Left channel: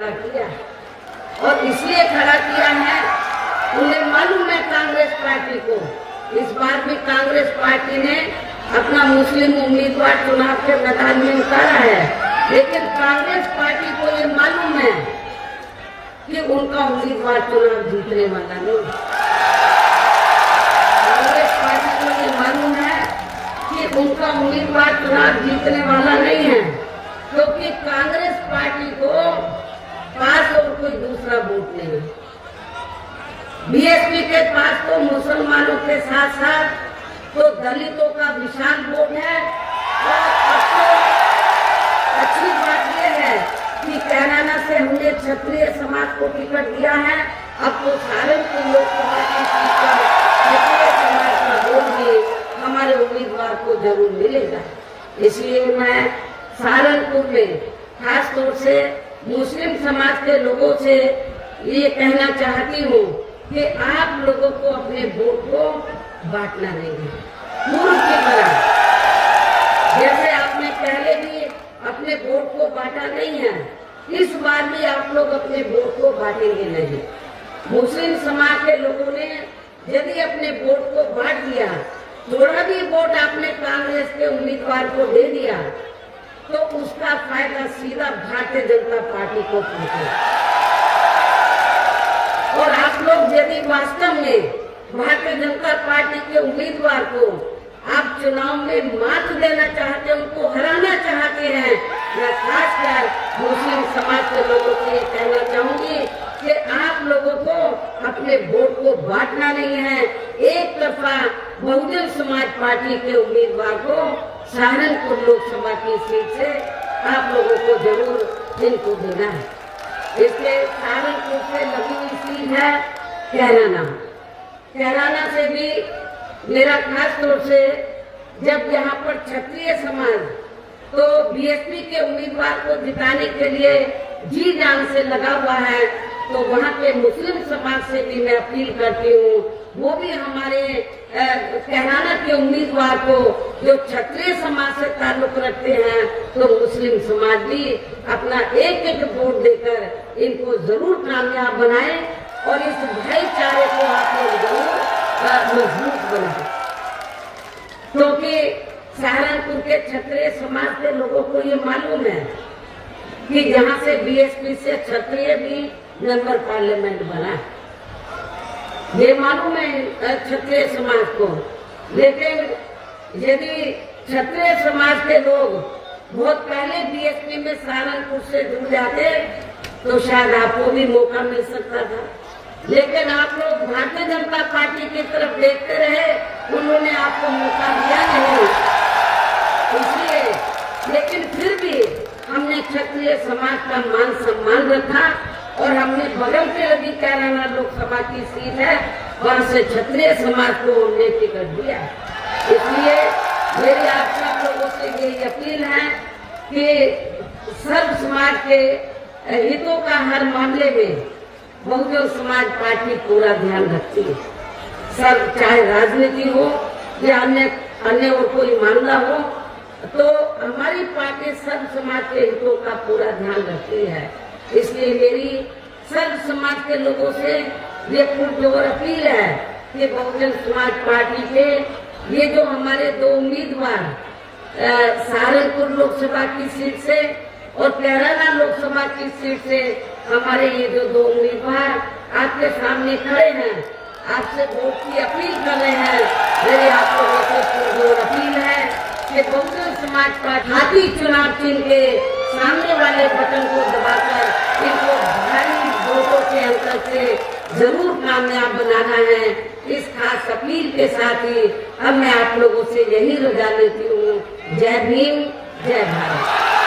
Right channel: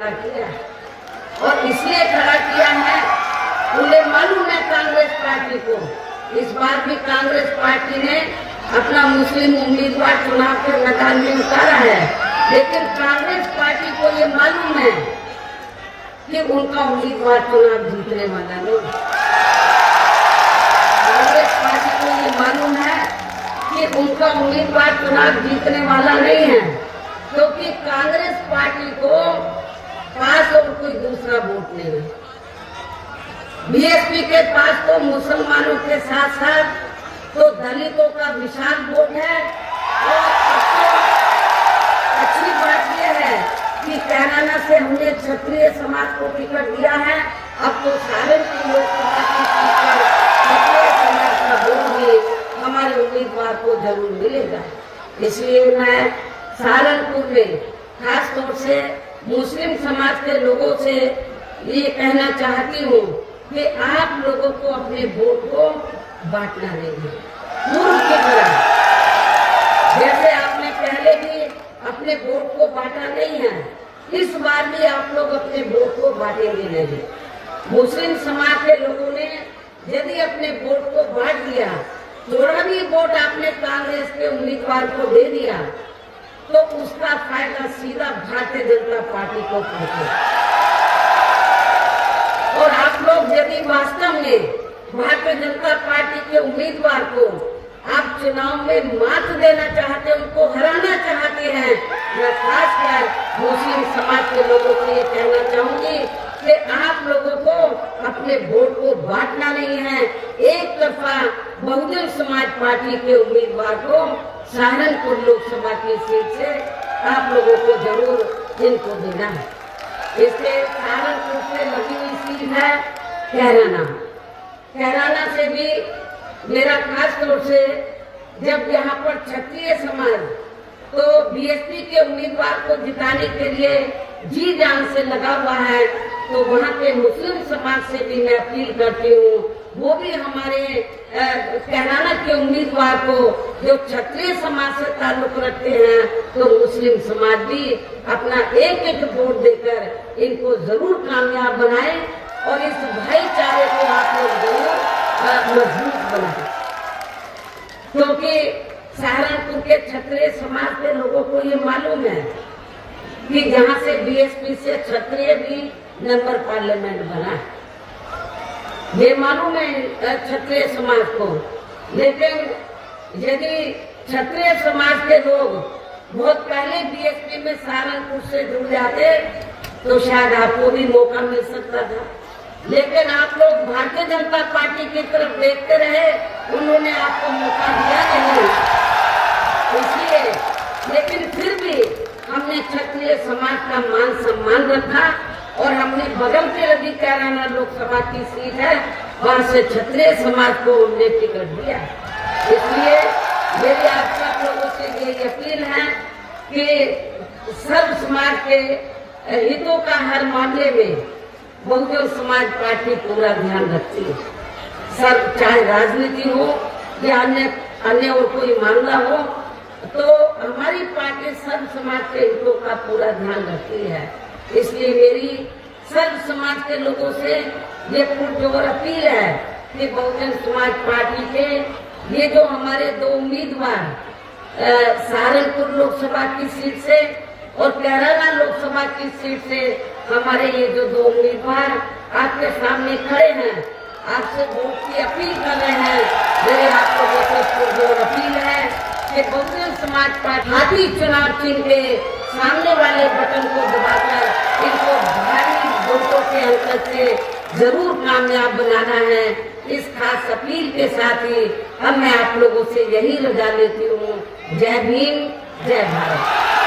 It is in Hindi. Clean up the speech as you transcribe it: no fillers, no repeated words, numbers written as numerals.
खड़ा किया और इसलिए खड़ा किया है, उन्हें मालूम है कांग्रेस पार्टी को, इस बार भी कांग्रेस पार्टी ने अपना मुस्लिम उम्मीदवार चुनाव के मैदान में उतारा है, लेकिन कांग्रेस पार्टी को ये मालूम है कि उनका उम्मीदवार चुनाव जीतने वाला नहीं। कांग्रेस पार्टी को ये मालूम है कि उनका उम्मीदवार चुनाव जीतने वाला नहीं है, क्योंकि कांग्रेस पार्टी को पास और कोई दूसरा वोट नहीं है। बीएसपी के पास तो मुसलमानों के साथ साथ तो दलितों का विशाल वोट है। और अच्छी बात यह है कि कैराना से हमने क्षत्रिय समाज को टिकट दिया है, अब तो सहारनपुर लोकसभा की सीट पर क्षत्रिय समाज का वोट भी हमारे उम्मीदवार को जरूर मिलेगा। इसलिए मैं सहारनपुर में खास तौर से मुस्लिम समाज के लोगों से ये कहना चाहती हूँ कि आप लोगों को अपने वोट को बांटना नहीं है। पूर्व की तरह जैसे आपने पहले भी अपने वोट को बांटा नहीं है, इस बार भी आप लोग अपने वोट को बांटेंगे नहीं। मुस्लिम समाज के लोगों ने यदि अपने वोट को बांट दिया, थोड़ा भी वोट आपने कांग्रेस के उम्मीदवार को दे दिया, तो उसका फायदा सीधा भारतीय जनता पार्टी को पहुंचेगा। और आप लोग यदि वास्तव में भारतीय जनता पार्टी के उम्मीदवार को आप चुनाव में मात देना चाहते, उनको हराना चाहते हैं, मैं खासकर मुस्लिम समाज के लोगों से ये कहना चाहूंगी कि आप लोगों को अपने वोट को बांटना नहीं है। एक तरफा बहुजन समाज पार्टी के उम्मीदवार को सहारनपुर लोकसभा की सीट से आप लोगों को जरूर इनको देना है। इसलिए सहारनपुर से लगी हुई सीट है कैराना। कैराना से भी मेरा खास तौर से जब यहाँ पर क्षत्रिय समाज तो बीएसपी के उम्मीदवार को जिताने के लिए जी जान से लगा हुआ है, तो वहाँ पे मुस्लिम समाज से भी मैं अपील करती हूँ, वो भी हमारे कैराना के उम्मीदवार को जो क्षत्रिय समाज से ताल्लुक रखते हैं, तो मुस्लिम समाज भी अपना एक एक वोट देकर इनको जरूर कामयाब बनाए और इस भाईचारे को आप लोग जरूर मजबूत बनाए, क्योंकि सहारनपुर के क्षत्रिय समाज के लोगों को ये मालूम है कि यहाँ से बीएसपी से क्षत्रिय भी मेंबर पार्लियामेंट बना है, ये मालूम है क्षत्रिय समाज को। लेकिन यदि क्षत्रिय समाज के लोग बहुत पहले बीएसपी में सहारनपुर से जुड़ जाते तो शायद आपको भी मौका मिल सकता था, लेकिन आप लोग भारतीय जनता पार्टी की तरफ देखते रहे, उन्होंने आपको मौका दिया नहीं। इसलिए लेकिन फिर भी हमने क्षत्रिय समाज का मान सम्मान रखा और हमने बगल के लगी कैराना लोकसभा की सीट है, वहां से क्षत्रिय समाज को हमने टिकट दिया। इसलिए मेरी आप सब लोगों से ये अपील है कि सर्व समाज के हितों का हर मामले में बहुजन समाज पार्टी पूरा ध्यान रखती है। सब चाहे राजनीति हो या अन्य और कोई मामला हो, तो हमारी पार्टी सर्व समाज के हितों का पूरा ध्यान रखती है। इसलिए मेरी सर्व समाज के लोगों से ये पुरजोर अपील है कि बहुजन समाज पार्टी के ये जो हमारे दो उम्मीदवार सहारनपुर लोकसभा की सीट से और कैराना लोकसभा की सीट से हमारे ये जो दो उम्मीदवार आपके सामने खड़े हैं, आपसे वोट की अपील कर रहे हैं। मेरी आपको पुरजोर अपील है कि बहुजन समाज पार्टी हाथी चुनाव चिन्ह के सामने वाले बटन को दबाकर इनको भारी वोटों के अंतर से जरूर कामयाब बनाना है। इस खास अपील के साथ ही अब मैं आप लोगों से यही रजा लेती हूँ। जय भीम, जय भारत।